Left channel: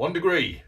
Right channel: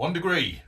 1 degree.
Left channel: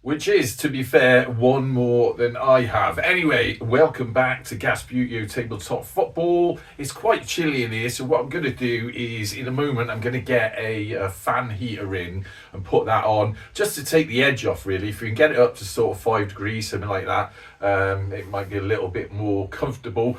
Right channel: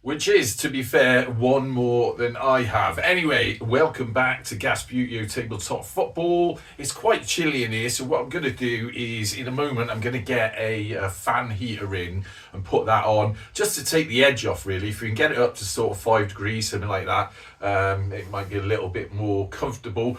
Which is, to be fair, one more than I have. Anyway, welcome back to Gasbbuteo Tabletop Football. It's quite chilly in here, so what I'm going to do is, in a moment, I'm going to get a fan heater in and put that on, just to take the edge off, really. If we can get it up to sort of 5 degrees, something like that, it might be a little bit more comfortable.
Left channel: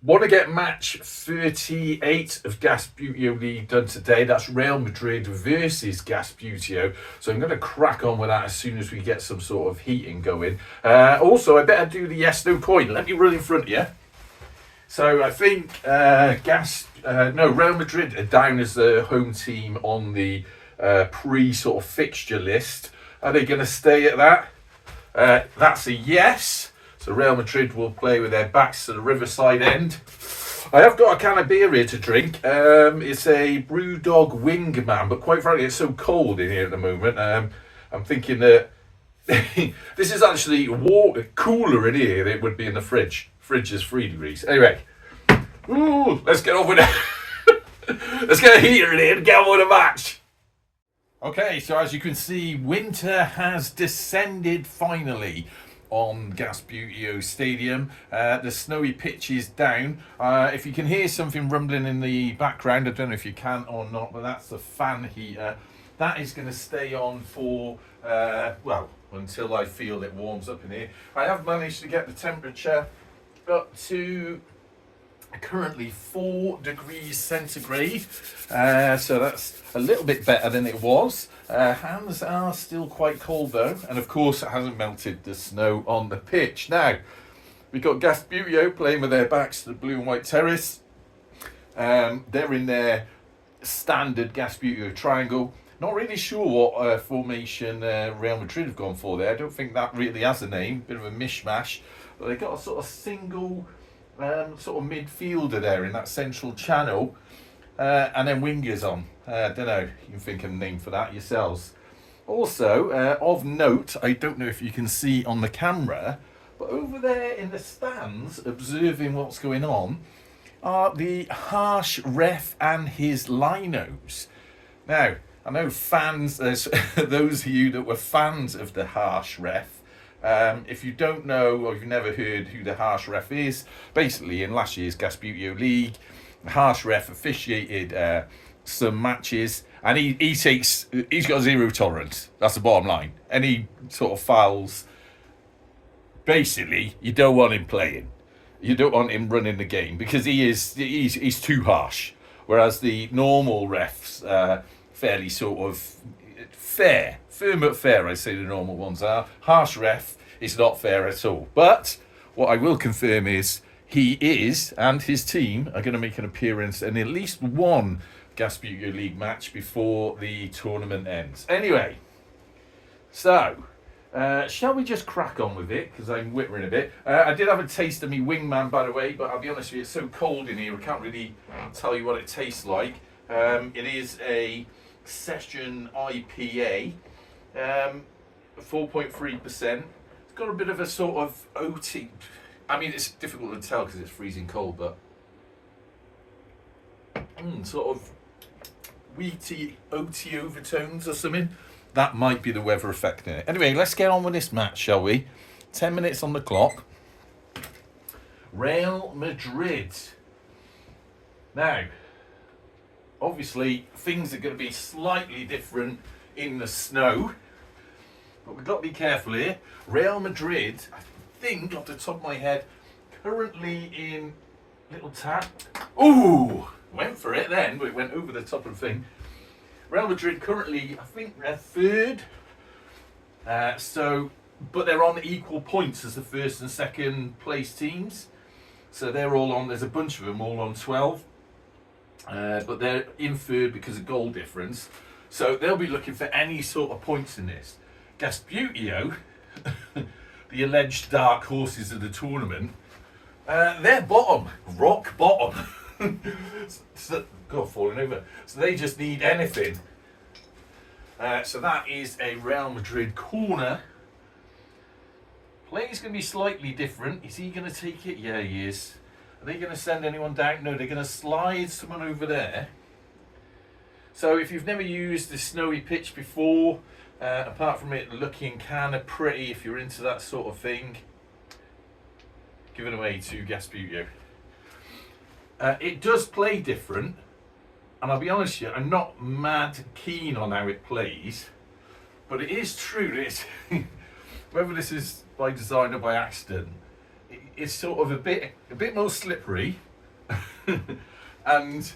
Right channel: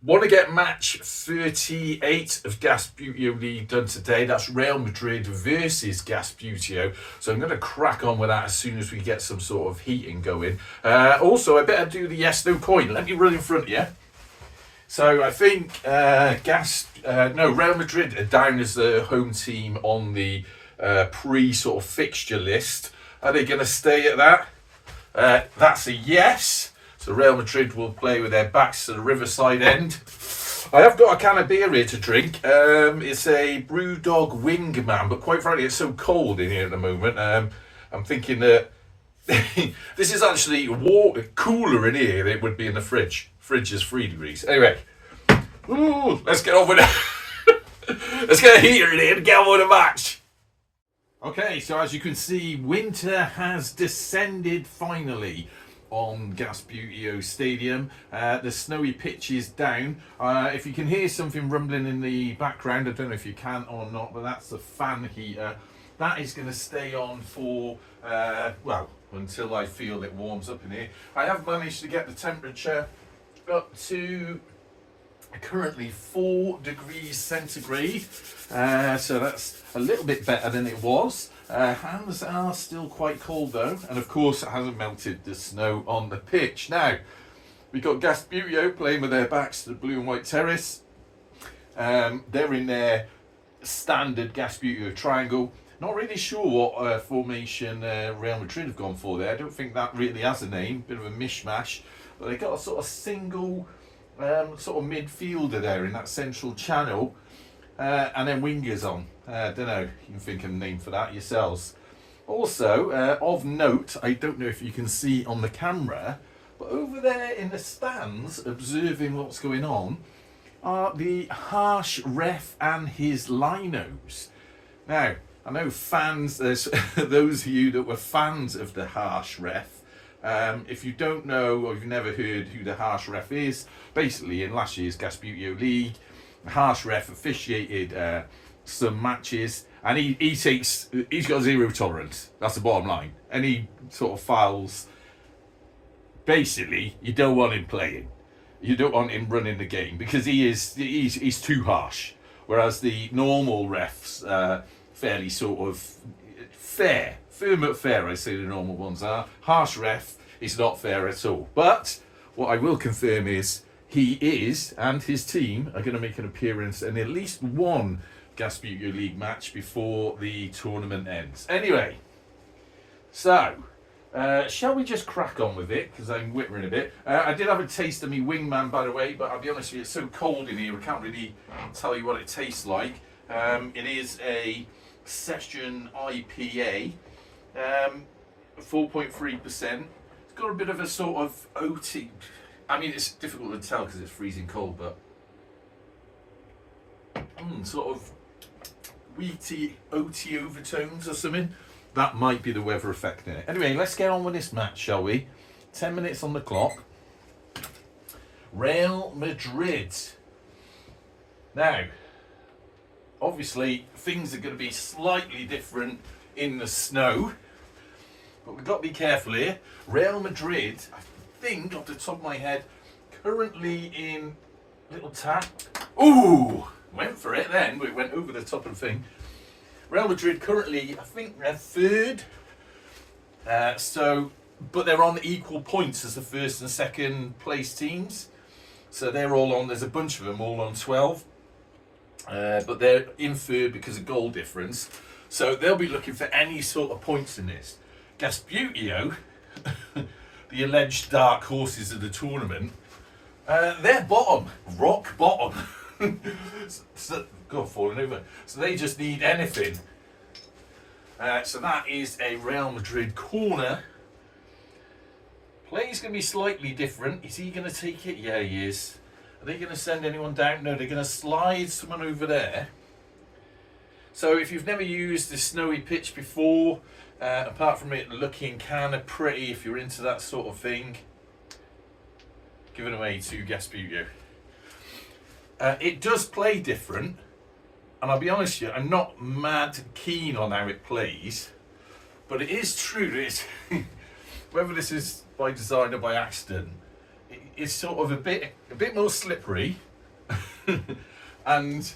Want to get match 38 of Gasbbuteo League done today. That's Real Madrid versus Gasbbuteo. So I'm going to crack on with that as soon as we get some sort of heating going. Also, I better do the yes/no coin. Let me run in front of you. So I think Real Madrid are down as the home team on the pre-sort of fixture list. Are they going to stay at that? That's a yes. So Real Madrid will play with their backs to the Riverside end. I have got a can of beer here to drink. It's a Brewdog Wingman, but quite frankly, it's so cold in here at the moment. I'm thinking that this is actually cooler in here than it would be in the fridge. Fridge is 3 degrees. Anyway, let's get on with it. Let's get a heater in here and get on with the match. Okay, so as you can see, winter has descended finally on Gasbbuteo Stadium. The snowy pitch is down. If you can hear something rumbling in the background, I don't know if you can or not, but that's the fan heater. That is going to stay on for, until I feel it warms up in here. I have managed to get the temperature up to currently 4 degrees centigrade. So that's a little bit better than it was. Hands are still quite cold though, and of course it hasn't melted the snow on the pitch. Now, we've got Gasbbuteo playing with their backs to the blue and white terrace. They're in their standard Gasbbuteo triangle. Not really sure what formation Real Madrid have gone for there. I don't think that really has a name, bit of a mishmash. But they've got a sort of single sort of midfielder there in that central channel. And then wingers on. I don't know, you can think of a name for that yourselves. Also, of note, I don't know if you can see on the camera, but over there in the stands, observing what's going on, are the harsh ref and his linos. Now, I know fans, there's those of you that were fans of the harsh ref. If you don't know, or you've never heard who the harsh ref is, basically in last year's Gasbbuteo League, the harsh ref officiated some matches, and he's got zero tolerance. That's the bottom line. Any sort of fouls, basically, you don't want him playing. You don't want him running the game because he's too harsh. Whereas the normal refs, fairly sort of firm but fair, I say the normal ones are. Harsh ref is not fair at all. But what I will confirm is he is, and his team are going to make an appearance in at least one Gasbbuteo League match before the tournament ends. Anyway, so shall we just crack on with it, because I'm whittering a bit. I did have a taste of me Wingman, by the way, but I'll be honest with you, it's so cold in here, I can't really tell you what it tastes like. It is a Session IPA, 4.3%. It's got a bit of a sort of OT. I mean, it's difficult to tell because it's freezing cold, but sort of wheaty, OT overtones or something. That might be the weather affecting it. Anyway, let's get on with this match, shall we? 10 minutes on the clock. Real Madrid. Now, obviously, things are going to be slightly different in the snow, but we've got to be careful here. Real Madrid, I think, off the top of my head, currently in little tap. Ooh, went for it then, but it went over the top of the thing. Real Madrid currently, I think, they're third. But they're on equal points as the first and second place teams. So they're all on. There's a bunch of them all on 12. But they're in third because of goal difference. So they'll be looking for any sort of points in this. Gasbbuteo, the alleged dark horses of the tournament, they're bottom, rock bottom. God, falling over. So they just need anything. So that is a Real Madrid corner. Play's going to be slightly different. Is he going to take it? Yeah, he is. Are they going to send anyone down? No, they're going to slide someone over there. So if you've never used the snowy pitch before, apart from it looking kind of pretty, if you're into that sort of thing, give it away to Gasbbuteo. It does play different, and I'll be honest with you, I'm not mad keen on how it plays, but it is true that it's, whether this is by design or by accident, it's sort of a bit more slippery and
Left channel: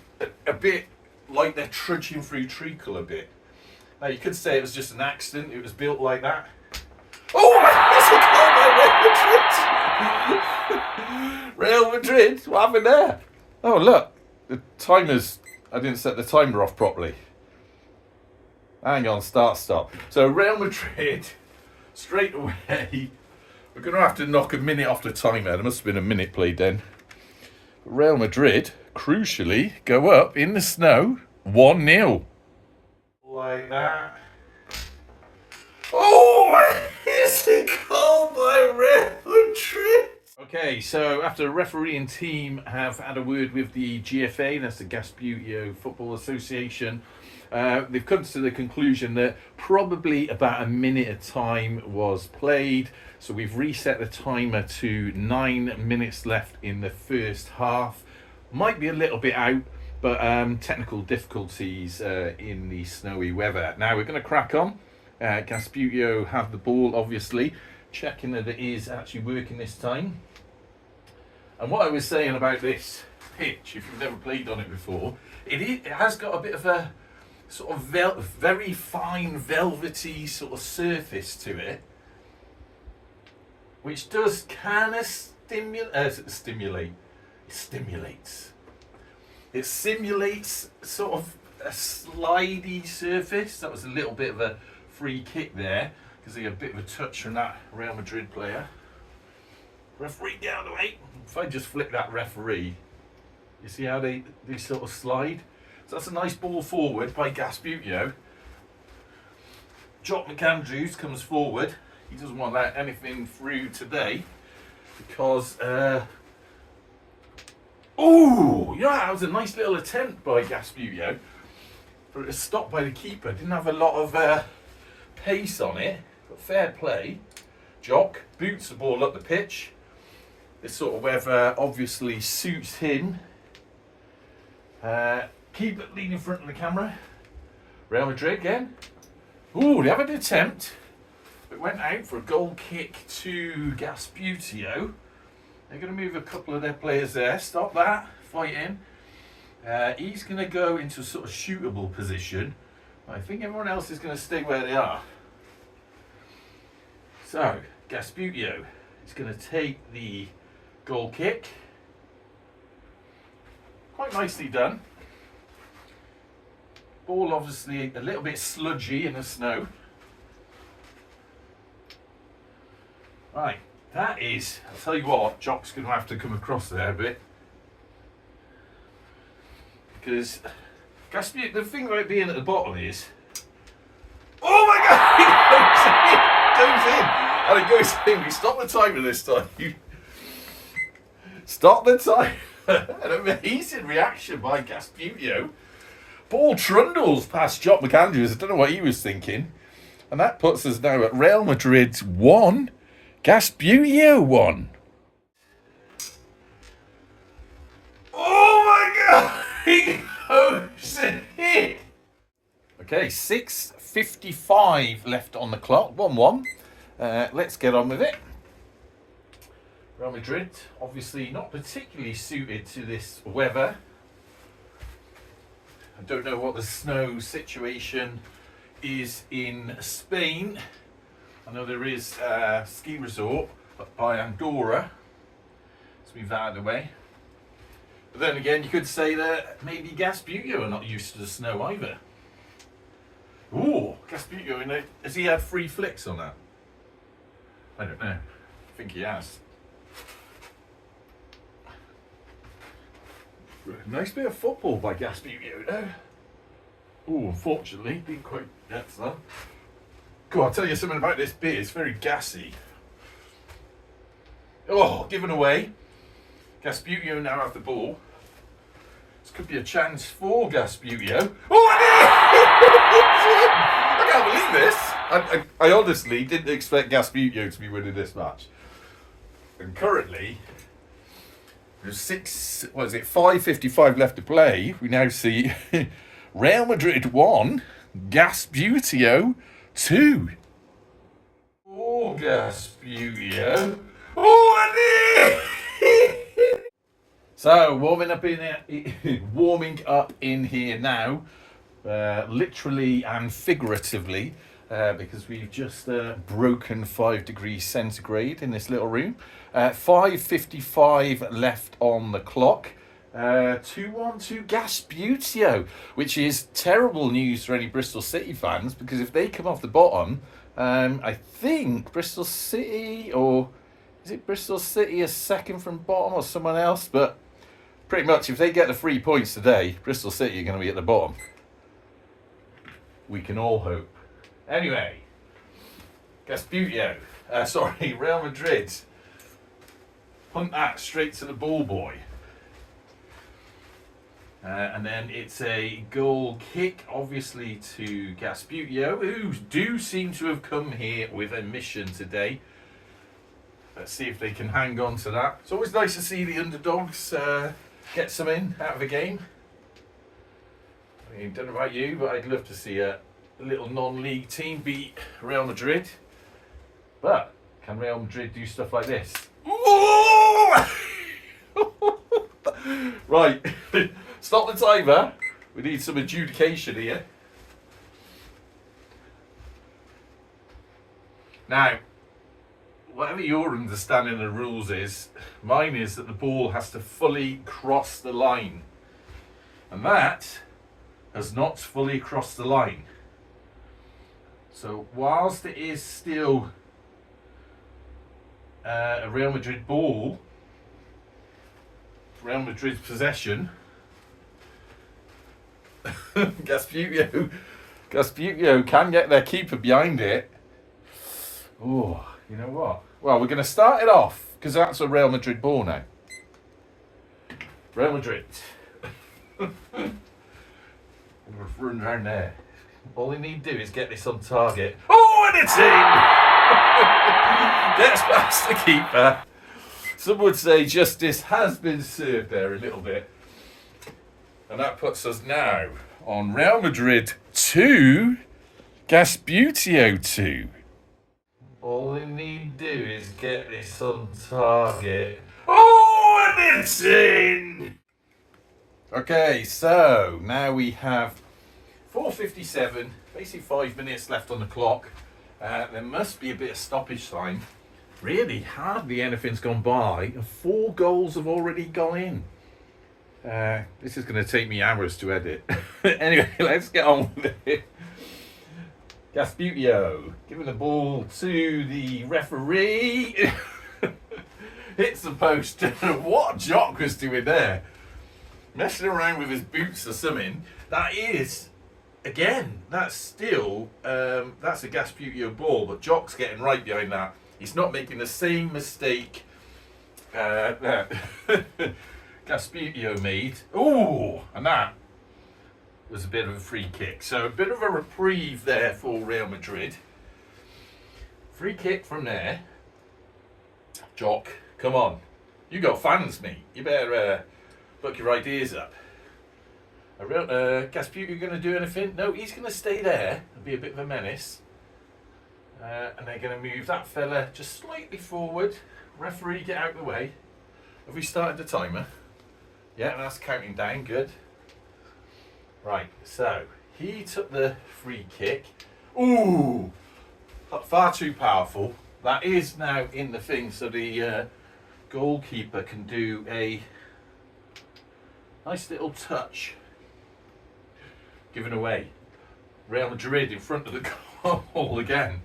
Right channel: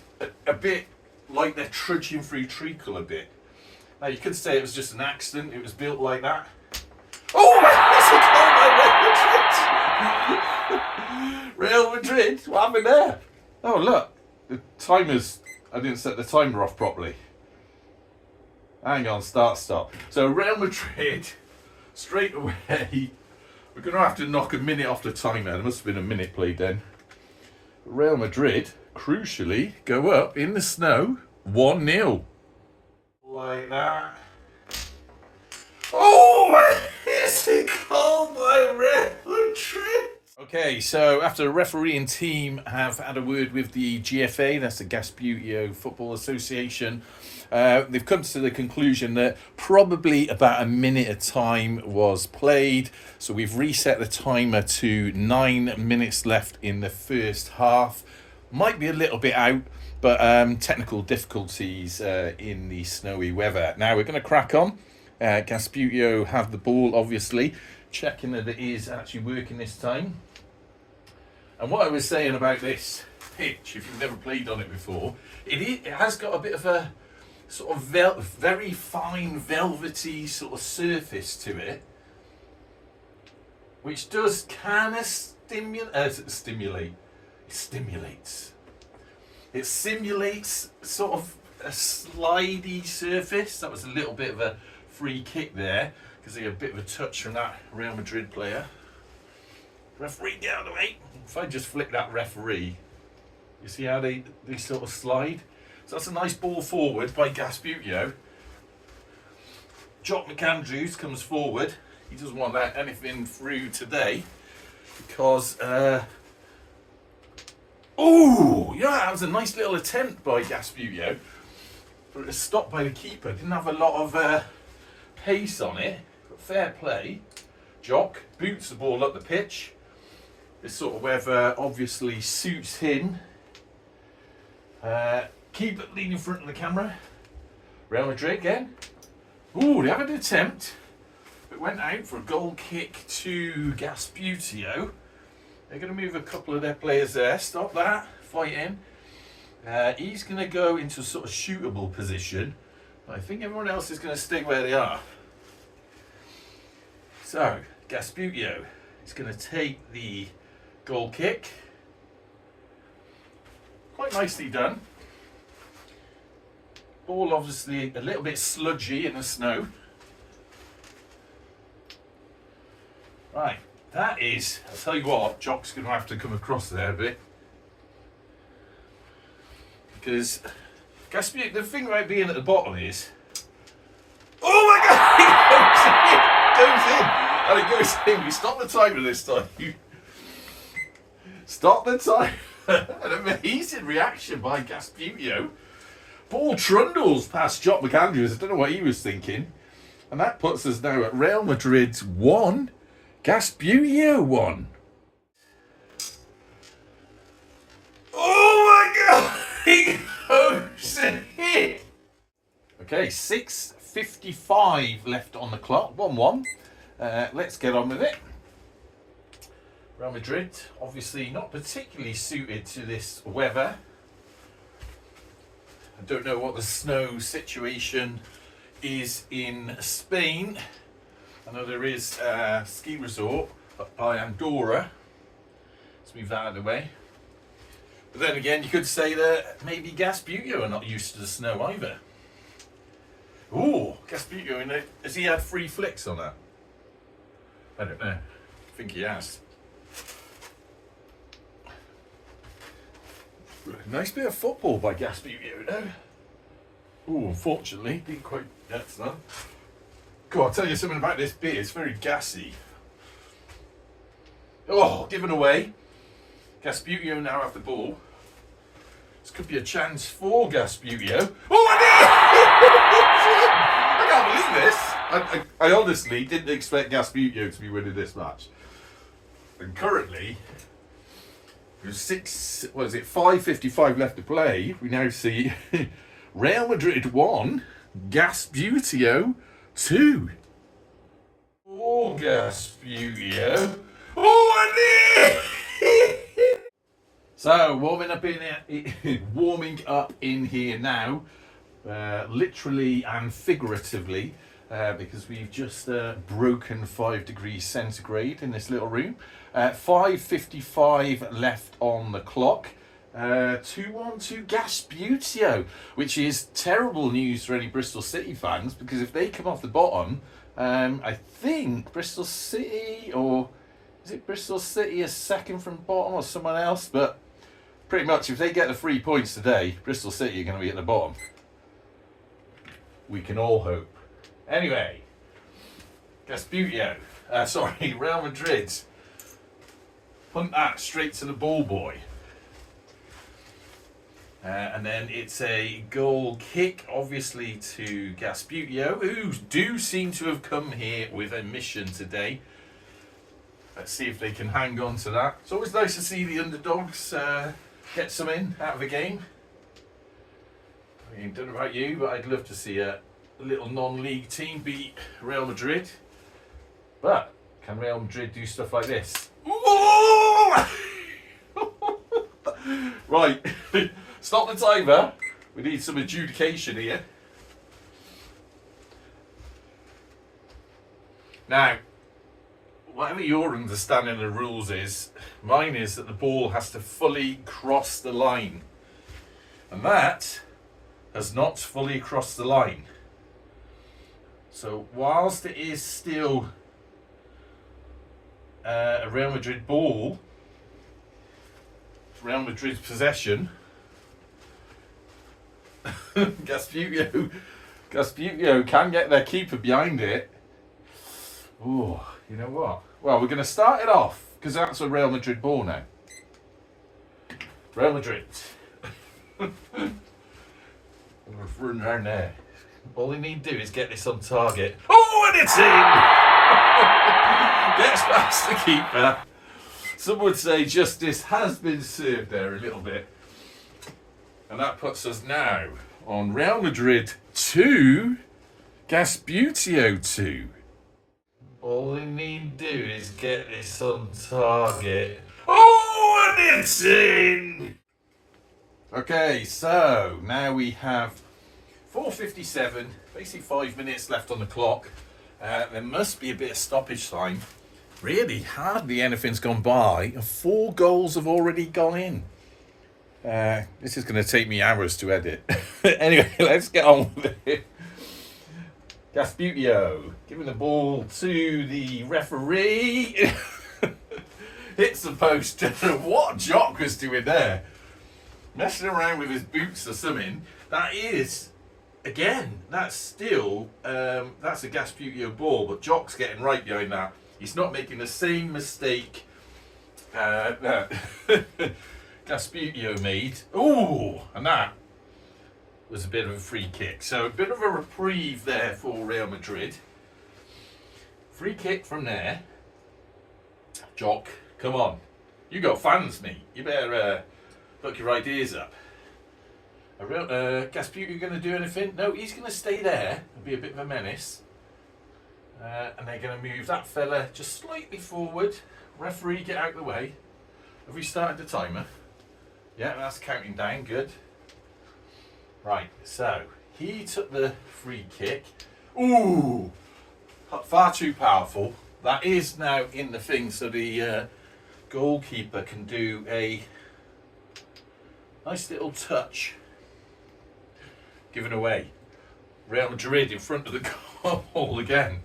a bit like they're trudging through treacle a bit. Now you could say it was just an accident, it was built like that. Oh, that's a goal by Real Madrid. What happened there? Oh look, the timer's, I didn't set the timer off properly. Hang on, stop. So Real Madrid, straight away, we're going to have to knock a minute off the timer. There must have been a minute played then. Real Madrid, crucially, go up in the snow 1-0. Like that. Oh, it's a goal by Real Madrid. Okay, so after the referee and team have had a word with the GFA, that's the Gasbbuteo Football Association, they've come to the conclusion that probably about a minute of time was played. So we've reset the timer to 9 minutes left in the first half. Might be a little bit out, but technical difficulties in the snowy weather. Now we're going to crack on. Gasbbuteo have the ball, obviously, checking that it is actually working this time. And what I was saying about this pitch, if you've never played on it before, it has got a bit of a sort of very fine velvety sort of surface to it, which does kind of stimulate. It simulates sort of a slidey surface. That was a little bit of a free kick there because they had a bit of a touch from that Real Madrid player. Referee, get out of the way. If I just flick that referee, you see how they sort of slide? So that's a nice ball forward by Gasbbuteo. Jock McAndrews comes forward. He doesn't want that anything through today because oh, yeah, that was a nice little attempt by Gasbbuteo, but it was stopped by the keeper. Didn't have a lot of pace on it, but fair play. Jock boots the ball up the pitch. This sort of weather obviously suits him. Keep it leaning in front of the camera. Real Madrid again. Ooh, they have an attempt. It went out for a goal kick to Gasbbuteo. They're going to move a couple of their players there. Stop that. Fighting. He's going to go into a sort of shootable position. I think everyone else is going to stay where they are. So, Gasbbuteo is going to take the goal kick. Quite nicely done. Ball obviously a little bit sludgy in the snow. Right, that is, I'll tell you what, Jock's going to have to come across there a bit. Because Gasbbuteo, the thing about being at the bottom is, oh my God, it goes in. We stop the timer this time. Stop the time. An amazing reaction by Gasbbuteo. Ball trundles past Jock McAndrews. I don't know what he was thinking. And that puts us now at Real Madrid 1, Gasbbuteo 1. Oh my God! He goes in. Okay, 6:55 left on the clock. 1-1. Let's get on with it. Real Madrid, obviously not particularly suited to this weather. I don't know what the snow situation is in Spain. I know there is a ski resort up by Andorra. Let's move that out of the way. But then again, you could say that maybe Gasbbuteo are not used to the snow either. Ooh, Gasbbuteo, has he had 3 flicks on that? I don't know. I think he has. Nice bit of football by Gasbbuteo there. Oh, unfortunately, didn't quite get to that. Go on, I'll tell you something about this beer. It's very gassy. Oh, given away. Gasbbuteo now have the ball. This could be a chance for Gasbbuteo. Oh, I can't believe this. I honestly didn't expect Gasbbuteo to be winning this match. And currently, there's 5:55 left to play. We now see Real Madrid 1, Gasbbuteo 2. Oh, Gasbbuteo. Oh, So, warming up in here now, literally and figuratively, because we've just broken 5 degrees centigrade in this little room. 5:55 left on the clock. 2-1 to Gasbbuteo, which is terrible news for any Bristol City fans, because if they come off the bottom, I think Bristol City, or is it Bristol City is second from bottom or someone else, but pretty much if they get the 3 points today, Bristol City are going to be at the bottom. We can all hope. Anyway, Gasbbuteo, Real Madrid punt that straight to the ball boy. And then it's a goal kick, obviously, to Gasbbuteo, who do seem to have come here with a mission today. Let's see if they can hang on to that. It's always nice to see the underdogs get something out of a game. I mean, don't know about you, but I'd love to see a little non-league team beat Real Madrid. But can Real Madrid do stuff like this? Right, stop the timer. We need some adjudication here. Now, whatever your understanding of the rules is, mine is that the ball has to fully cross the line. And that has not fully crossed the line. So whilst it is still a Real Madrid ball, Real Madrid's possession, Gasbbuteo can get their keeper behind it. Oh, you know what? Well, we're going to start it off, because that's a Real Madrid ball now. Real Madrid. We're running around there. All they need to do is get this on target. Oh, and it's in! Gets past the keeper. Some would say justice has been served there a little bit. And that puts us now on Real Madrid 2, Gasbbuteo 2. All they need to do is get this on target. Oh, and it's in! Okay, so now we have 4:57, basically 5 minutes left on the clock. There must be a bit of stoppage time. Really, hardly anything's gone by, and 4 goals have already gone in. This is going to take me hours to edit. Anyway, let's get on with it. Gasbbuteo giving the ball to the referee. Hits the post. What Jock was doing there? Messing around with his boots or something. That is, again, that's still, that's a Gasbbuteo ball, but Jock's getting right behind that. He's not making the same mistake that Gasbbuteo made. Ooh, and that was a bit of a free kick. So a bit of a reprieve there for Real Madrid. Free kick from there. Jock, come on. You got fans, mate. You better look your ideas up. Gasbbuteo going to do anything? No, he's going to stay there and be a bit of a menace. And they're going to move that fella just slightly forward. Referee, get out of the way. Have we started the timer? Yeah, that's counting down. Good. Right, so he took the free kick. Ooh, far too powerful. That is now in the thing, so the goalkeeper can do a nice little touch. Given away. Real Madrid in front of the goal again.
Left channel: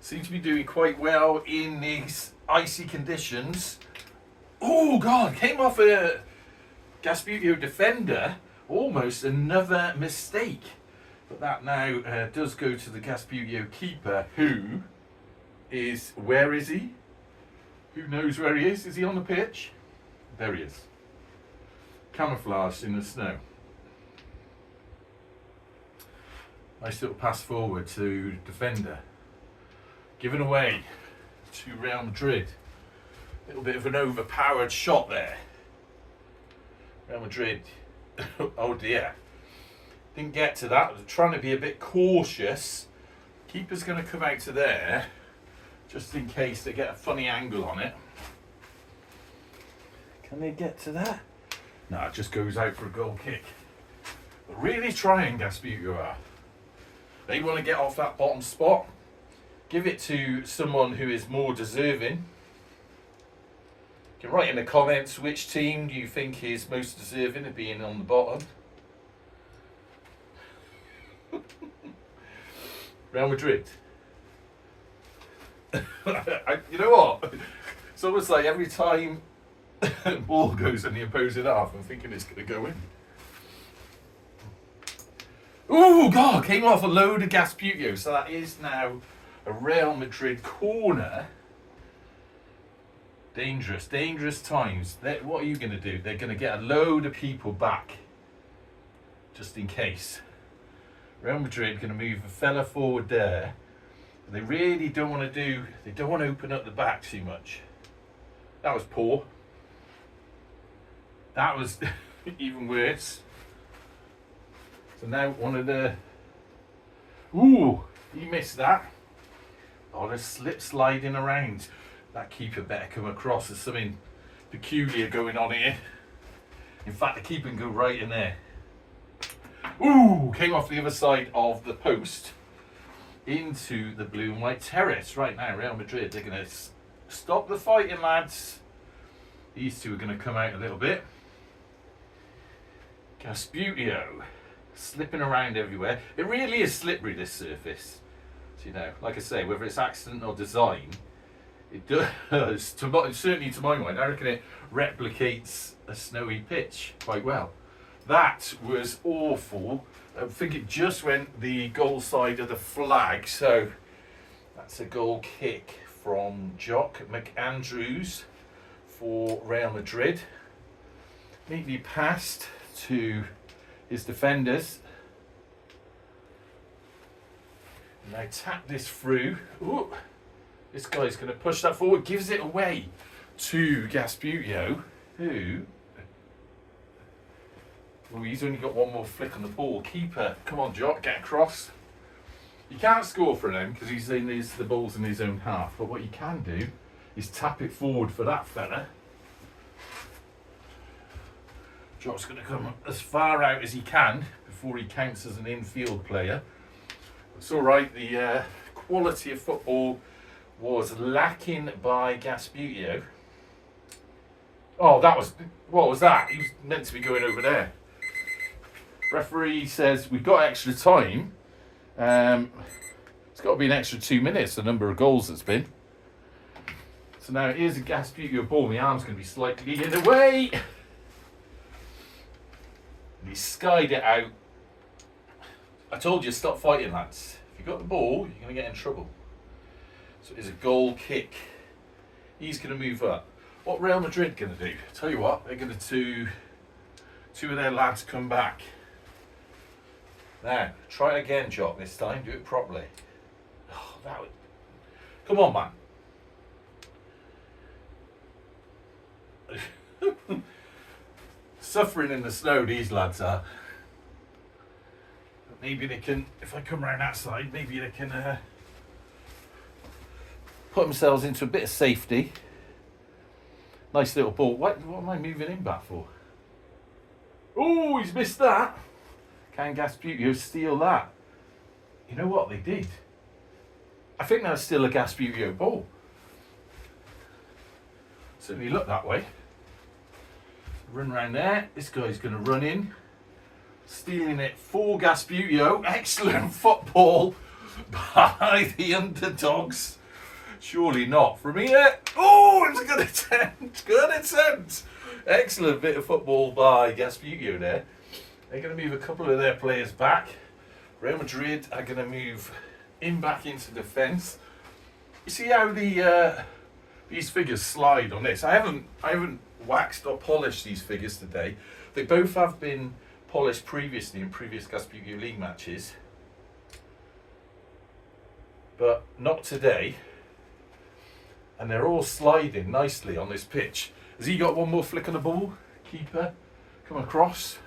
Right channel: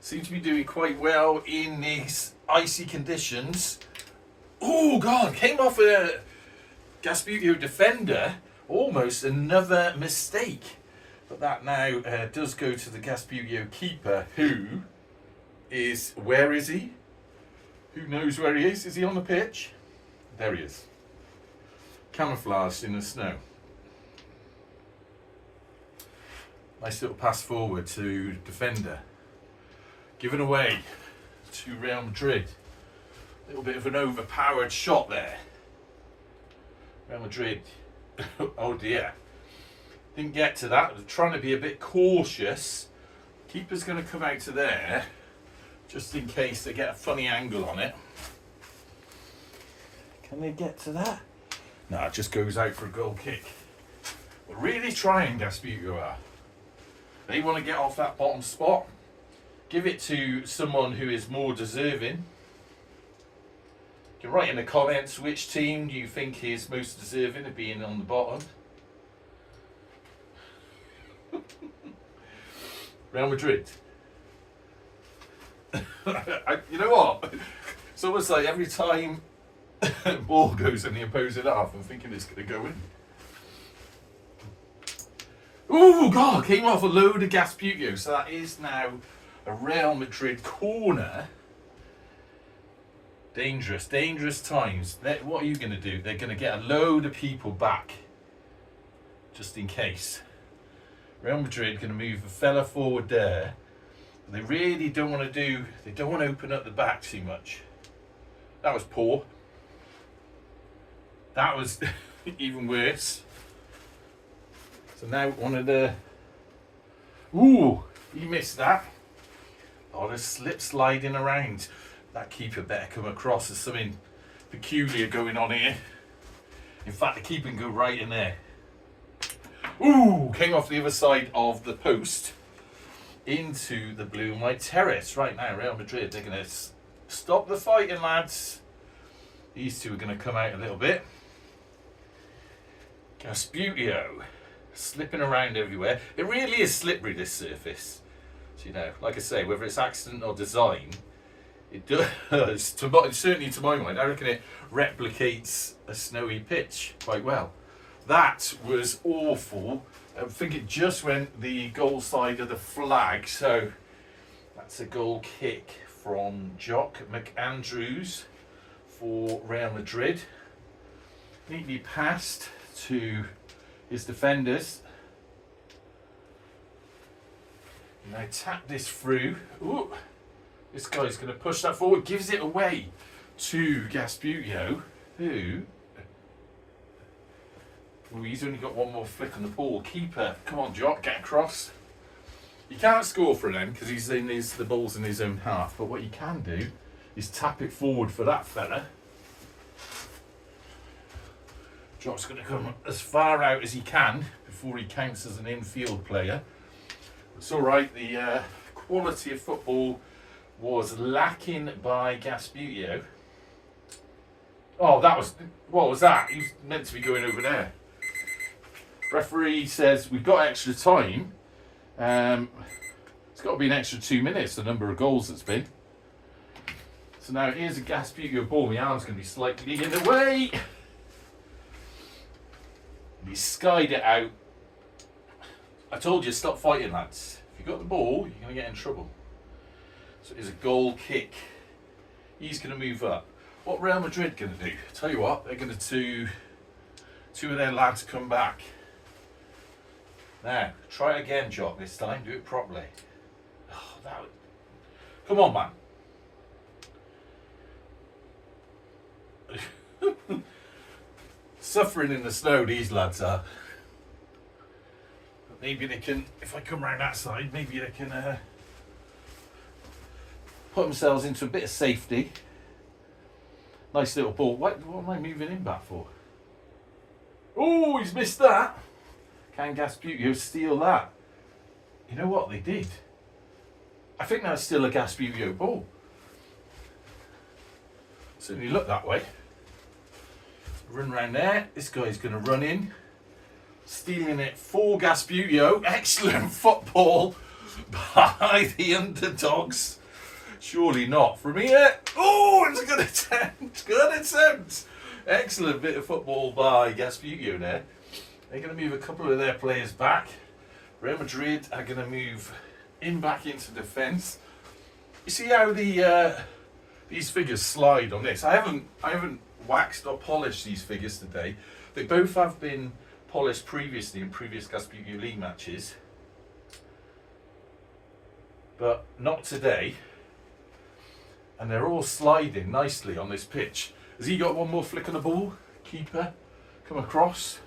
Seem to be doing quite well in these icy conditions. Oh God, came off Gasbbuteo defender, almost another mistake. But that now does go to the Gasbbuteo keeper, who is, where is he? Who knows where he is? Is he on the pitch? There he is. Camouflaged in the snow. Nice little pass forward to defender. Given away to Real Madrid. A little bit of an overpowered shot there. Real Madrid, oh dear. Didn't get to that. They're trying to be a bit cautious. Keeper's going to come out to there, just in case they get a funny angle on it. Can they get to that? No, it just goes out for a goal kick. But really trying, Gasbbuteo are. They want to get off that bottom spot. Give it to someone who is more deserving. You can write in the comments which team do you think is most deserving of being on the bottom. Real Madrid. You know what? It's almost like every time the ball goes in the opposing half, I'm thinking it's going to go in. Oh God, came off a load of Gasbbuteo, so that is now a Real Madrid corner. Dangerous, dangerous times. What are you going to do? They're going to get a load of people back, just in case. Real Madrid going to move a fella forward there. But they really don't want to do. They don't want to open up the back too much. That was poor. That was even worse. So now one of the. Ooh, he missed that. Oh, there's slip sliding around. That keeper better come across. There's something peculiar going on here. In fact, the keeper can go right in there. Ooh, came off the other side of the post into the blue and white terrace. Right now, Real Madrid, they're going to stop the fighting, lads. These two are going to come out a little bit. Gasbbuteo slipping around everywhere. It really is slippery, this surface. So, you know, like I say, whether it's accident or design, it does, certainly to my mind, I reckon it replicates a snowy pitch quite well. That was awful. I think it just went the goal side of the flag, so that's a goal kick from Jock McAndrews for Real Madrid. Neatly passed to his defenders. Now tap this through. Ooh. This guy's going to push that forward, gives it away to Gasbbuteo, who... Ooh, he's only got one more flick on the ball. Keeper, come on, Jock, get across. You can't score for him because he's in the ball's in his own half, but what you can do is tap it forward for that fella. Jock's going to come as far out as he can before he counts as an infield player. It's all right, the quality of football was lacking by Gasbbuteo. Oh, what was that? He was meant to be going over there. Referee says we've got extra time. It's got to be an extra 2 minutes, the number of goals it's been. So now here's a Gasbbuteo ball. My arm's going to be slightly in the way. And he skied it out. I told you, stop fighting, lads. If you've got the ball, you're going to get in trouble. So it is a goal kick. He's going to move up. What Real Madrid going to do? Tell you what, they're going to two of their lads come back. Now, try it again, Jock, this time. Do it properly. Oh, come on, man. Suffering in the snow, these lads are. But maybe they can, if I come around that side, maybe they can put themselves into a bit of safety. Nice little ball. What am I moving him back for? Oh, he's missed that. Can Gasbbuteo steal that? You know what? They did. I think that's still a Gasbbuteo ball. Certainly look that way. Run round there. This guy's going to run in. Stealing it for Gasbbuteo. Excellent football by the underdogs. Surely not from here. Oh, it was a good attempt. Good attempt. Excellent bit of football by Gasbbuteo there. They're going to move a couple of their players back. Real Madrid are going to move in back into defence. You see how these figures slide on this? I haven't waxed or polished these figures today. They both have been polished previously in previous Gasbbuteo League matches, but not today. And they're all sliding nicely on this pitch. Has he got one more flick on the ball? Keeper, come across.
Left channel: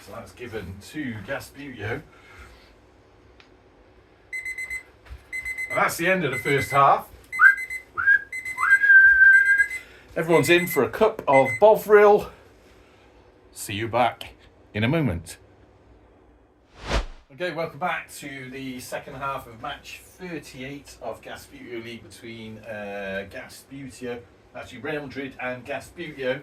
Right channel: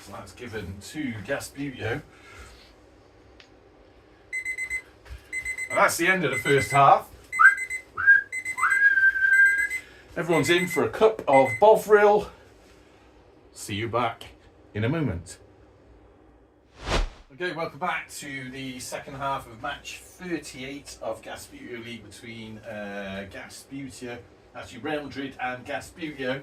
So that's given to Gasbbuteo. And that's the end of the first half. Everyone's in for a cup of Bovril. See you back in a moment. Okay, welcome back to the second half of match 38 of Gasbbuteo League between Gasbbuteo, actually Real Madrid and Gasbbuteo,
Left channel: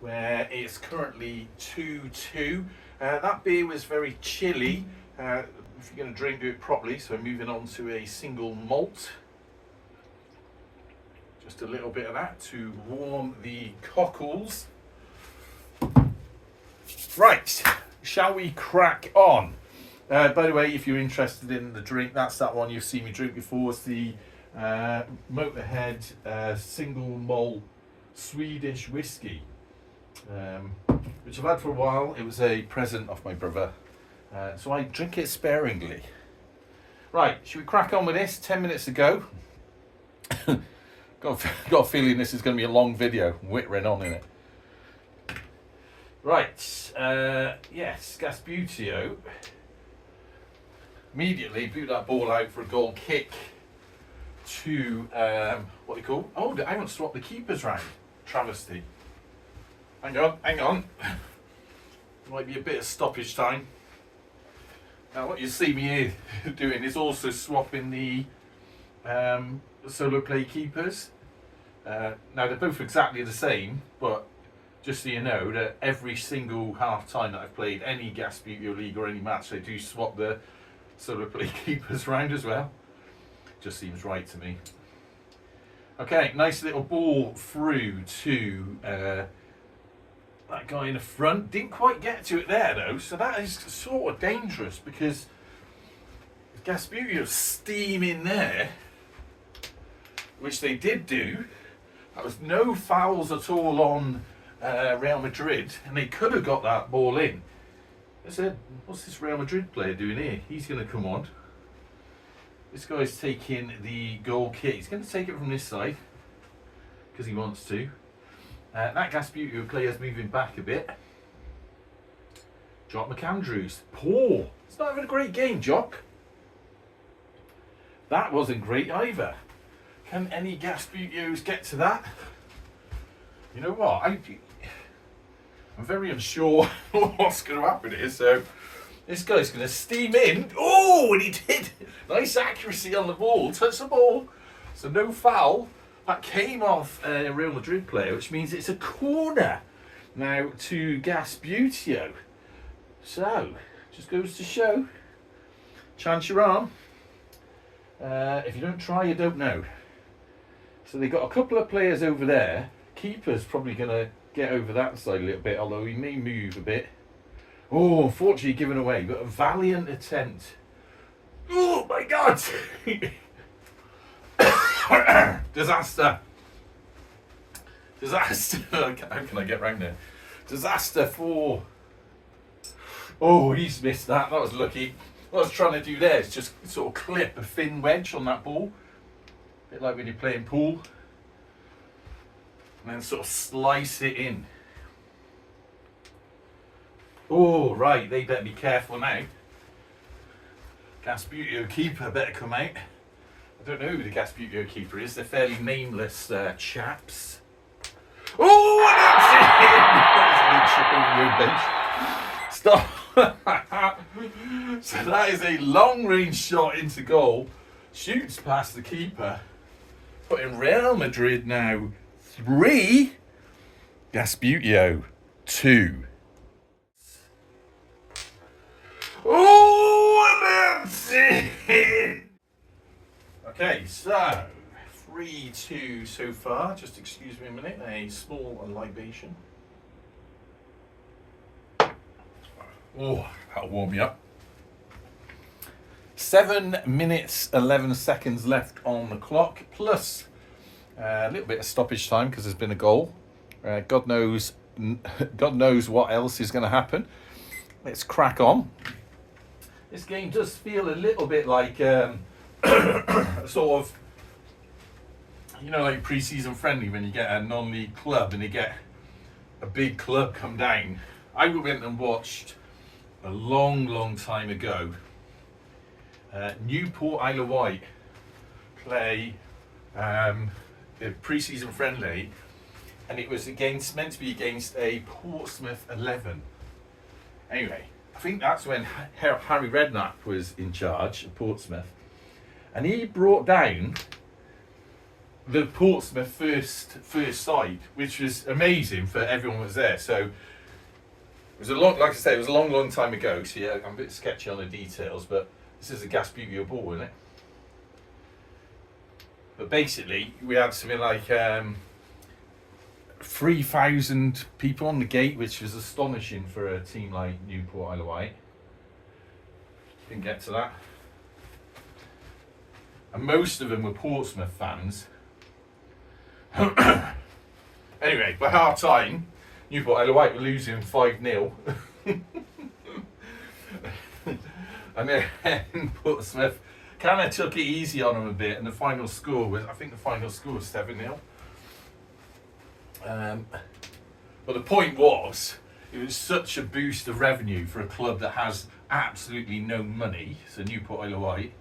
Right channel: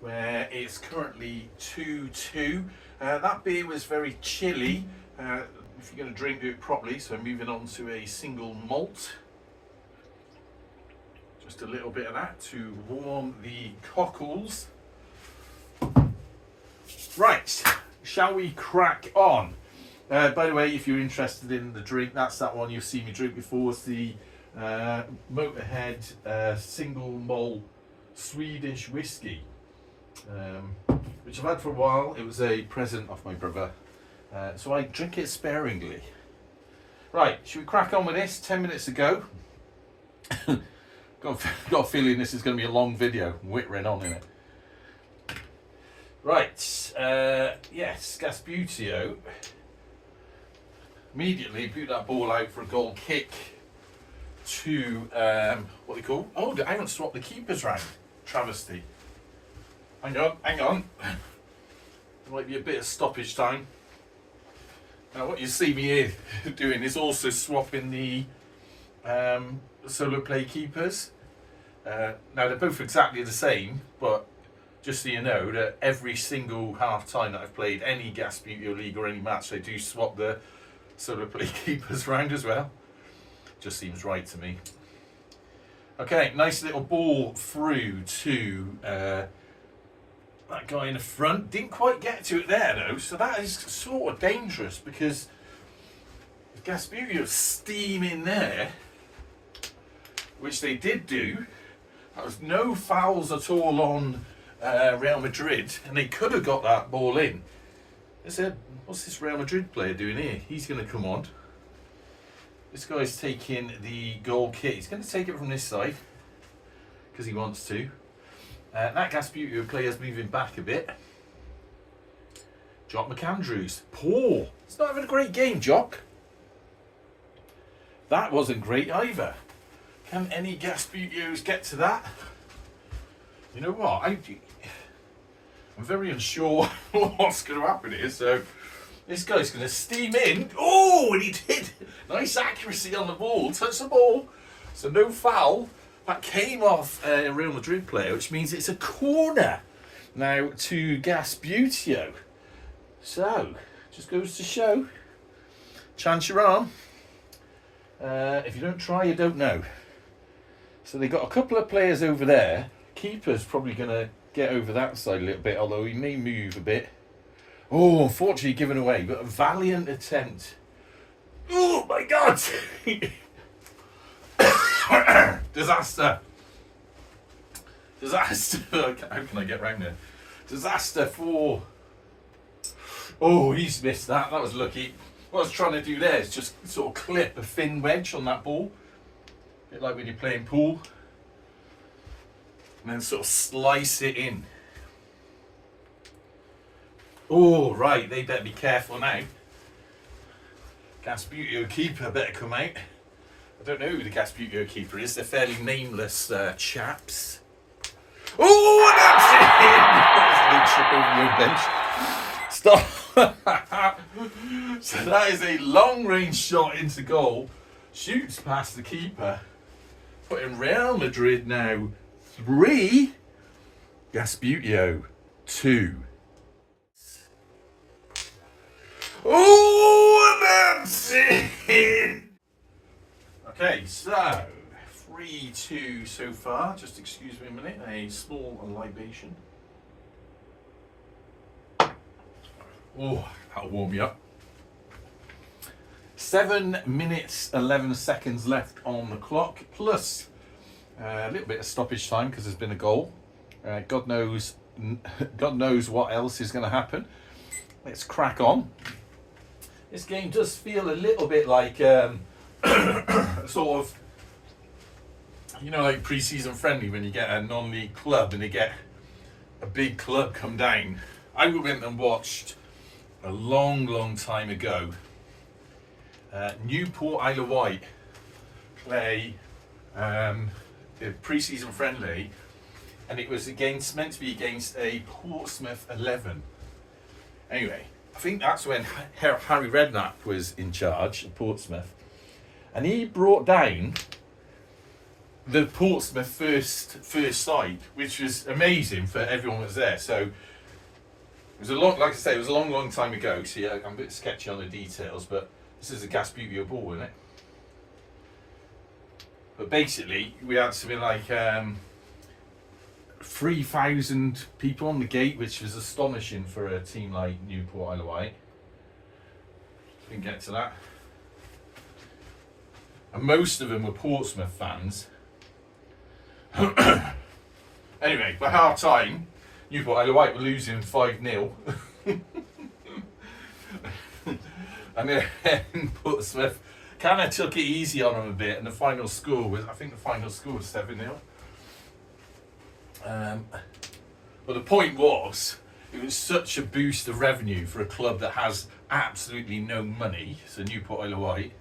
where it's currently 2-2. That beer was very chilly. If you're going to drink, do it properly. So moving on to a single malt. Just a little bit of that to warm the cockles. Right, shall we crack on? By the way, if you're interested in the drink, that's that one you've seen me drink before. It's the Motorhead single malt Swedish whiskey, which I've had for a while. It was a present off my brother, so I drink it sparingly. Right, should we crack on with this? 10 minutes ago. got a feeling this is going to be a long video. Whittering on in it. Right, yes, Gasbbuteo immediately boot that ball out for a goal kick to what they call. Oh, I haven't swapped the keepers round. Travesty. Hang on. Might be a bit of stoppage time. Now, what you see me here doing is also swapping the solo play keepers. Now they're both exactly the same, but just so you know that every single half time that I've played any Gasbbuteo League or any match, I do swap the solo play keepers round as well. Just seems right to me. Okay, nice little ball through to that guy in the front. Didn't quite get to it there though, so that is sort of dangerous because if Gasbbuteo steam in there, which they did do, there was no fouls at all on Real Madrid, and they could have got that ball in. I said, what's this Real Madrid player doing here? He's going to come on. This guy's taking the goal kick. He's going to take it from this side because he wants to. That Gasbbuteo player's moving back a bit. Jock McAndrews. Poor. He's not having a great game, Jock. That wasn't great either. Can any Gasbuteos get to that? You know what? I'm very unsure what's going to happen here. So this guy's going to steam in. Oh, and he did. Nice accuracy on the ball. Touch the ball. So no foul. That came off a Real Madrid player, which means it's a corner now to Gasbbuteo. So, just goes to show. Chance your arm. If you don't try, you don't know. So they've got a couple of players over there. Keeper's probably going to get over that side a little bit, although he may move a bit. Oh, unfortunately given away, but a valiant attempt. Oh my God! Disaster. How can I get round there? Disaster for... Oh, he's missed that. That was lucky. What I was trying to do there is just sort of clip a thin wedge on that ball. A bit like when you're playing pool. And then sort of slice it in. Oh, right. They better be careful now. Gasbbuteo keeper better come out. I don't know who the Gasbbuteo keeper is. They're fairly nameless chaps. Oh, stop. So that is a long-range shot into goal. Shoots past the keeper. Putting Real Madrid now 3. Gasbbuteo 2. Oh, and that's it. Okay, so 3-2 so far. Just excuse me a minute, a small libation. Oh, that'll warm me up. 7 minutes 11 seconds left on the clock, plus a little bit of stoppage time because there's been a goal. God knows what else is going to happen. Let's crack on. This game does feel a little bit like sort of, you know, like pre-season friendly when you get a non-league club and they get a big club come down. I went and watched a long time ago Newport Isle of Wight play a pre-season friendly, and it was meant to be against a Portsmouth 11. Anyway, I think that's when Harry Redknapp was in charge of Portsmouth, and he brought down the Portsmouth first side, which was amazing for everyone who was there. So it was like I say, it was a long time ago. So yeah, I'm a bit sketchy on the details, but this is a Gasbbuteo ball, isn't it? But basically, we had something like 3,000 people on the gate, which was astonishing for a team like Newport Isle of Wight. Didn't get to that. And most of them were Portsmouth fans. Anyway, by half time, Newport Isle of Wight were losing 5-0. And then Portsmouth kind of took it easy on them a bit, and the final score was, I think the final score was 7-0. But the point was, it was such a boost of revenue for a club that has absolutely no money, so Newport Isle of Wight.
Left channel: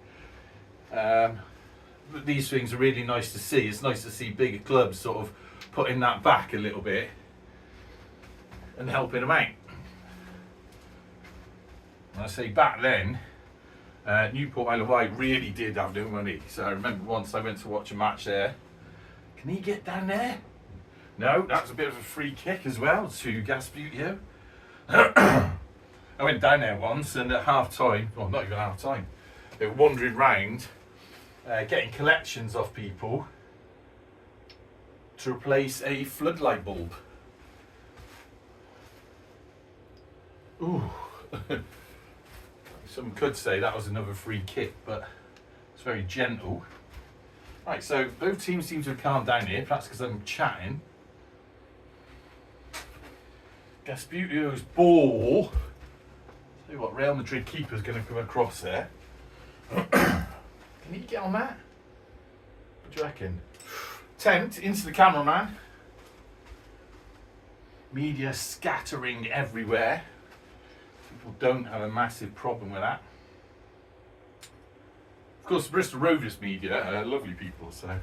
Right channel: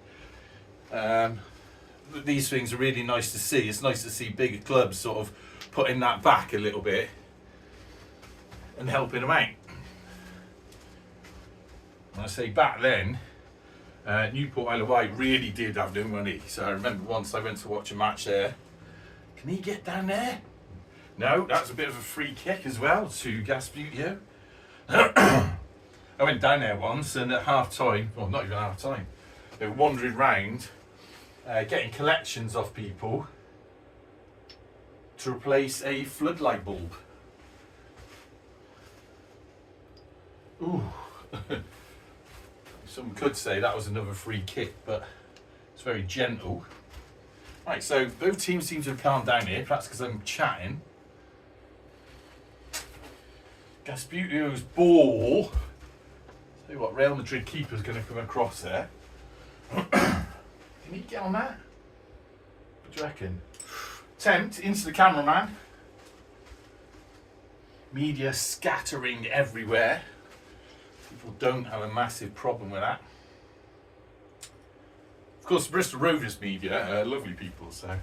These things are really nice to see. It's nice to see bigger clubs sort of putting that back a little bit and helping them out. And I say back then, Newport Isle of Wight really did have no money. So I remember once I went to watch a match there. Can he get down there? No, that's a bit of a free kick as well to Gasbbuteo. I went down there once, and at half time, well, not even half time, they were wandering round getting collections off people to replace a floodlight bulb. Ooh. Some could say that was another free kick, but it's very gentle. Right, so both teams seem to have calmed down here, perhaps because I'm chatting. Gasbuteo's ball. Tell you what, Real Madrid keeper's going to come across there. Can he get on that? What do you reckon? Attempt into the cameraman. Media scattering everywhere. People don't have a massive problem with that. Of course, Bristol Rovers media are lovely people, so.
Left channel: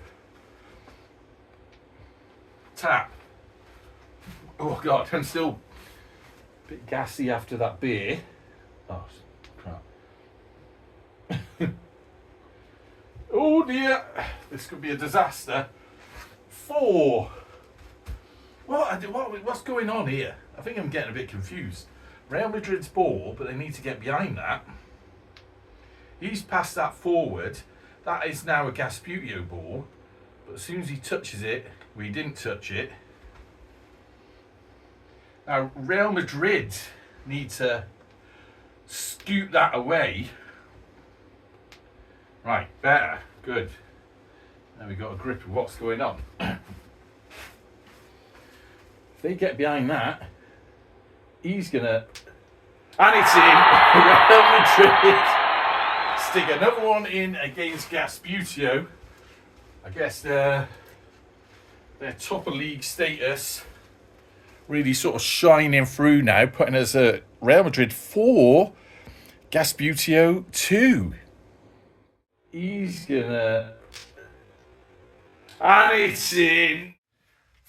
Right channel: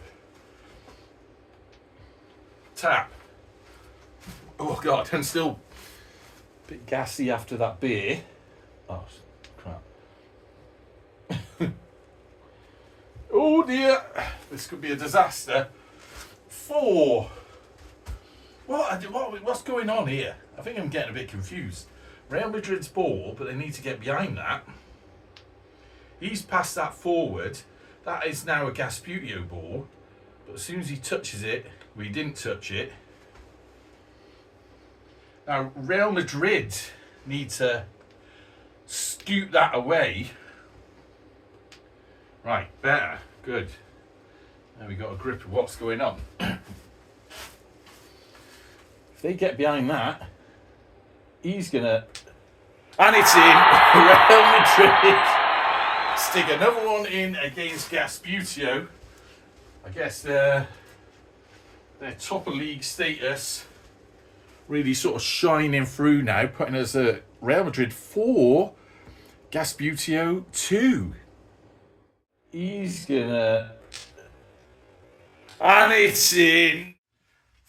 Tap. Oh God, I'm still a bit gassy after that beer. Oh, crap. Oh dear, this could be a disaster. 4. What's going on here? I think I'm getting a bit confused. Real Madrid's ball, but they need to get behind that. He's passed that forward. That is now a Gasbbuteo ball. But as soon as he touches it, we didn't touch it. Now, Real Madrid need to scoot that away. Right, better. Good. Now we've got a grip of what's going on. If they get behind that, he's going to... And it's in! Real Madrid stick another one in against Gasbbuteo. I guess their top of league status really sort of shining through now, putting us at Real Madrid 4, Gasbbuteo 2. He's gonna... And it's in!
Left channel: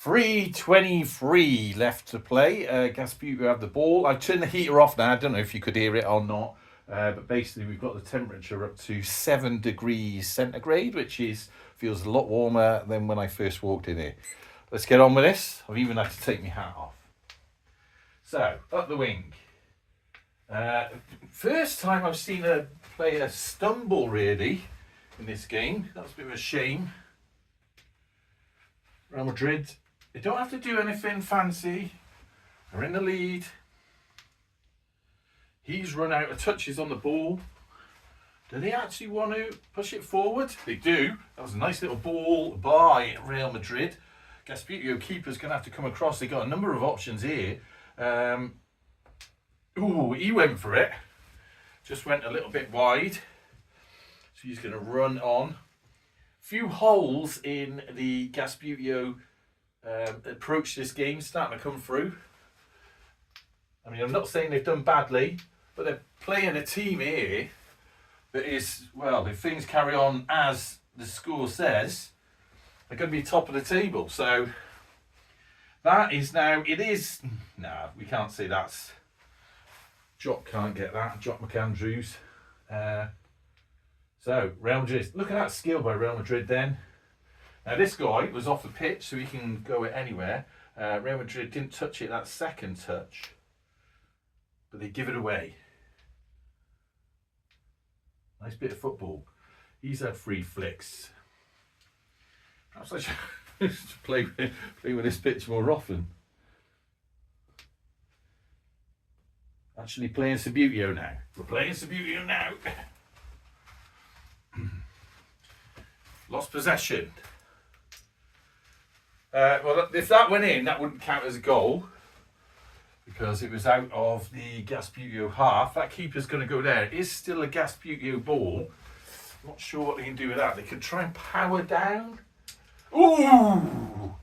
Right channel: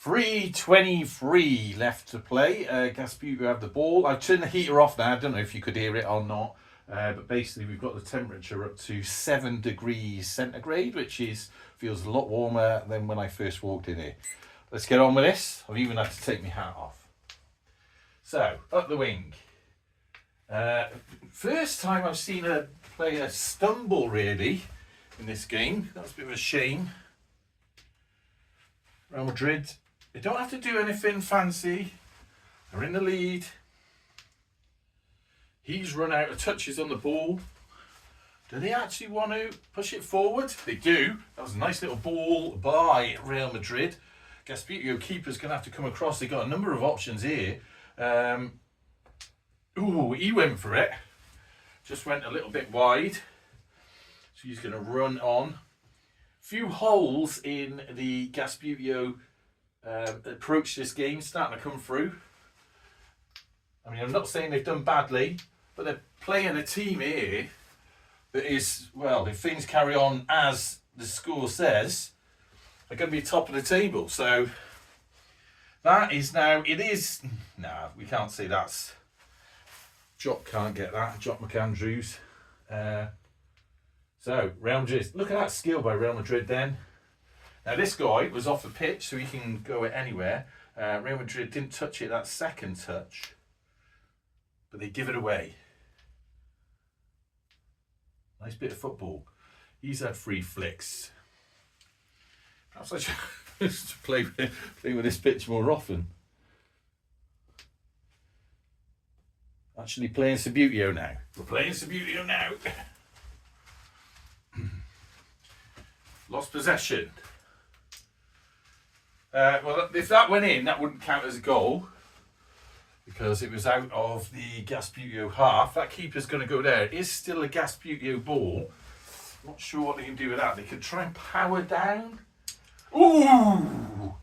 3:23 left to play. Gasbbuteo have the ball. I've turned the heater off now. I don't know if you could hear it or not. But basically we've got the temperature up to 7 degrees centigrade, which feels a lot warmer than when I first walked in here. Let's get on with this. I've even had to take my hat off. So, up the wing. First time I've seen a player stumble, really, in this game. That's a bit of a shame. Real Madrid, they don't have to do anything fancy. They're in the lead. He's run out of touches on the ball. Do they actually want to push it forward? They do. That was a nice little ball by Real Madrid. Gasbbuteo keeper's going to have to come across. They've got a number of options here. Ooh, he went for it. Just went a little bit wide. So he's going to run on. Few holes in the Gasbbuteo approach this game starting to come through. I mean, I'm not saying they've done badly, but they're playing a team here that is, well, if things carry on as the score says, they're going to be top of the table. So that is now, it is, nah, we can't say that's, Jock can't get that, Jock McAndrews. So, Real Madrid, look at that skill by Real Madrid then. Now this guy was off the pitch, so he can go anywhere. Real Madrid didn't touch it that second touch, but they give it away. Nice bit of football. He's had free flicks. Perhaps I should play with this pitch more often. Actually playing Sabuteo now. We're playing Sabuteo now. Lost possession. Well, if that went in, that wouldn't count as a goal because it was out of the Gasbbuteo half. That keeper's going to go there. It is still a Gasbbuteo ball. Not sure what they can do with that. They could try and power down. Ooh!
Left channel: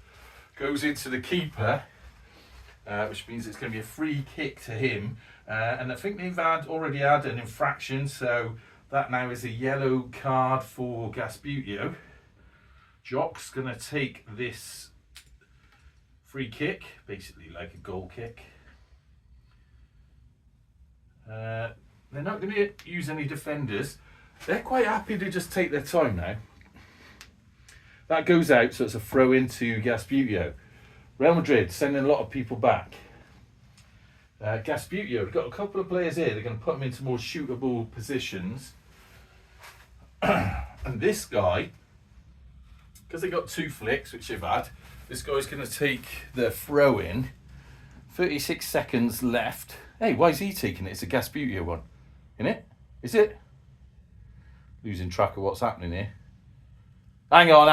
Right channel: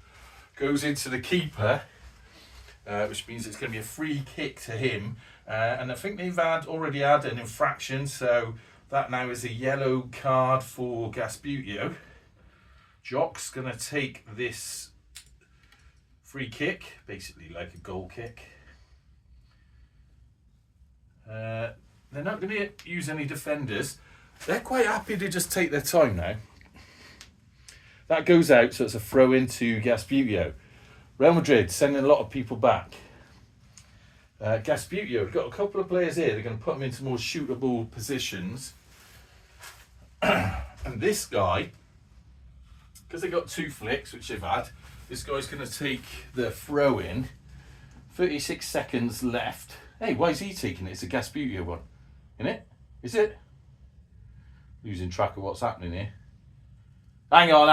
Goes into the keeper, which means it's going to be a free kick to him. And I think they've already had an infraction, so that now is a yellow card for Gasbbuteo. Jock's going to take this free kick, basically like a goal kick. They're not going to use any defenders. They're quite happy to just take their time now. That goes out, so it's a throw into Gasbbuteo. Real Madrid sending a lot of people back. Gasbbuteo, we've got a couple of players here. They're going to put them into more shootable positions. And this guy, because they got two flicks, which they've had, this guy's going to take the throw in. 36 seconds left. Hey, why is he taking it? It's a Gasbbuteo one. Isn't it? Is it? Losing track of what's happening here. Hang on.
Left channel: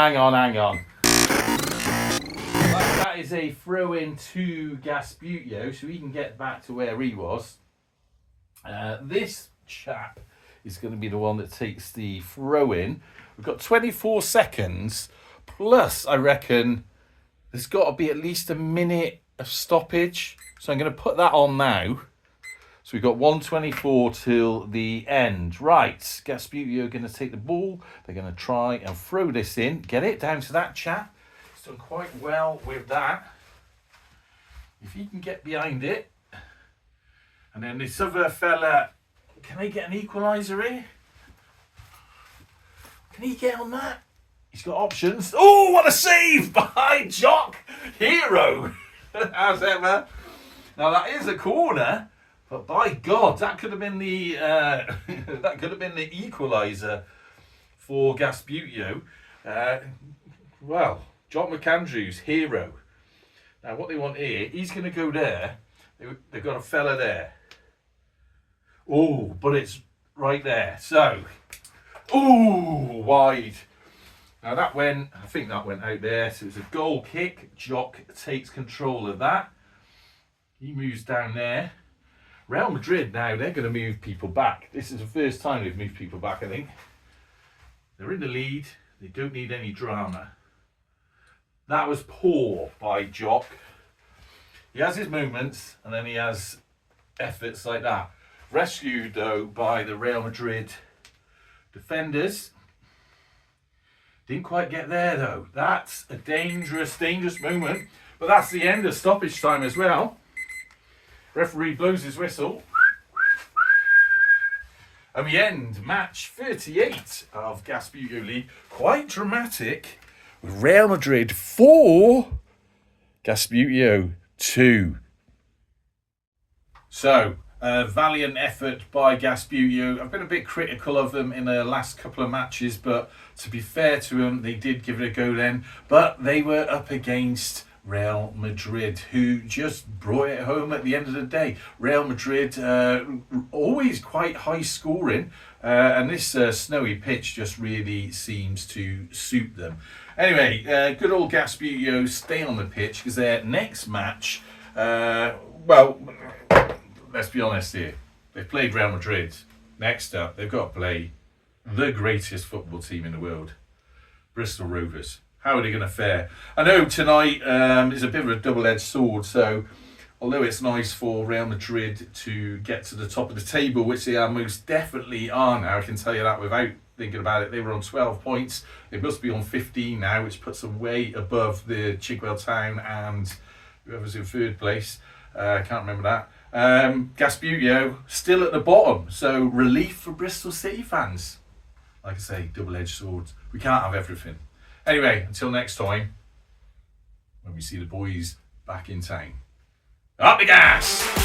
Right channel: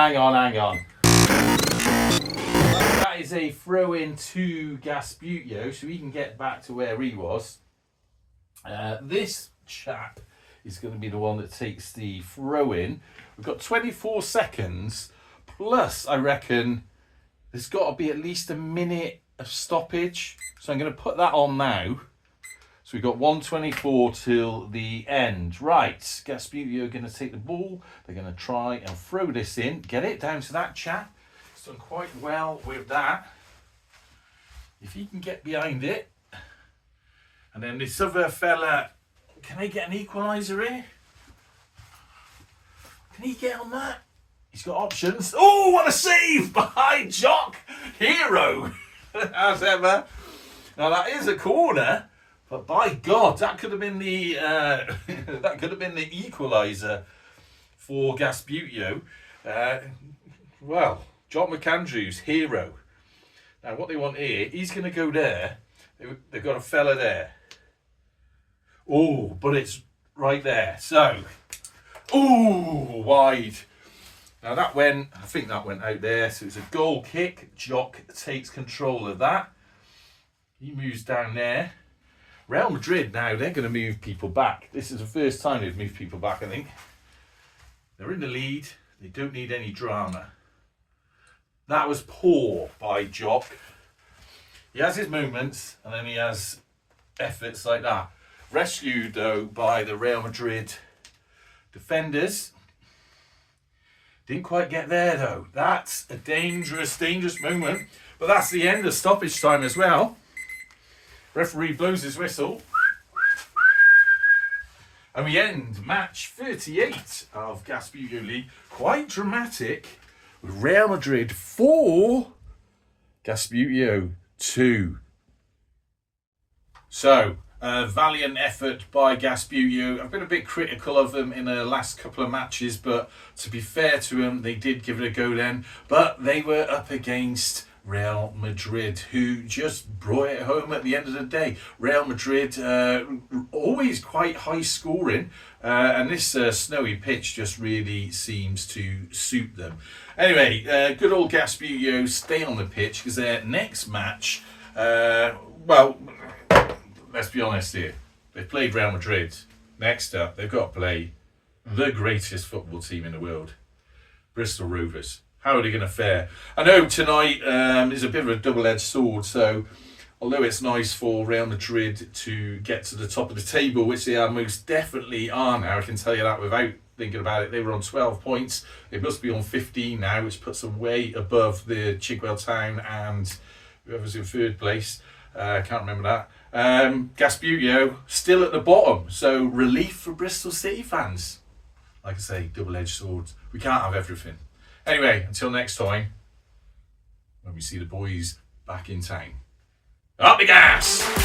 Right, that is a throw in to Gasbbuteo, so he can get back to where he was. This chap is going to be the one that takes the throw in. We've got 24 seconds, plus I reckon there's got to be at least a minute of stoppage. So I'm going to put that on now. So we've got 1:24 till the end. Right, Gasbbuteo are going to take the ball. They're going to try and throw this in. Get it down to that chap. He's done quite well with that. If he can get behind it. And then this other fella, can I get an equaliser here? Can he get on that? He's got options. Oh, what a save by Jock. Hero. As ever. Now that is a corner. But by God, that could have been the equaliser for Gasbbuteo. Well, John McAndrews, hero. Now what they want here, he's going to go there. They've got a fella there. Oh, but it's right there. So, oh, wide. Now that went, I think that went out there. So it's a goal kick. Jock takes control of that. He moves down there. Real Madrid now, they're going to move people back. This is the first time they've moved people back, I think. They're in the lead. They don't need any drama. That was poor by Jock. He has his moments, and then he has efforts like that. Rescued, though, by the Real Madrid defenders. Didn't quite get there, though. That's a dangerous moment. But that's the end of stoppage time as well. Referee blows his whistle. And we end match 38 of Gasbbuteo League. Quite dramatic. With Real Madrid 4, Gasbbuteo 2. So, Valiant effort by Gasbbuteo. I've been a bit critical of them in the last couple of matches, but to be fair to them, they did give it a go then. But they were up against Real Madrid, who just brought it home at the end of the day. Real Madrid, always quite high scoring, and this snowy pitch just really seems to suit them. Anyway, good old Gasbbuteo stay on the pitch because their next match, well, let's be honest here. They've played Real Madrid. Next up, they've got to play the greatest football team in the world, Bristol Rovers. How are they going to fare? I know tonight is a bit of a double-edged sword, so although it's nice for Real Madrid to get to the top of the table, which they are most definitely are now, I can tell you that without thinking about it. They were on 12 points. They must be on 15 now, which puts them way above the Chigwell Town and whoever's in third place. I can't remember that. Gasbbuteo still at the bottom, so relief for Bristol City fans. Like I say, double-edged swords. We can't have everything. Anyway, until next time, when we see the boys back in town. Up the gas!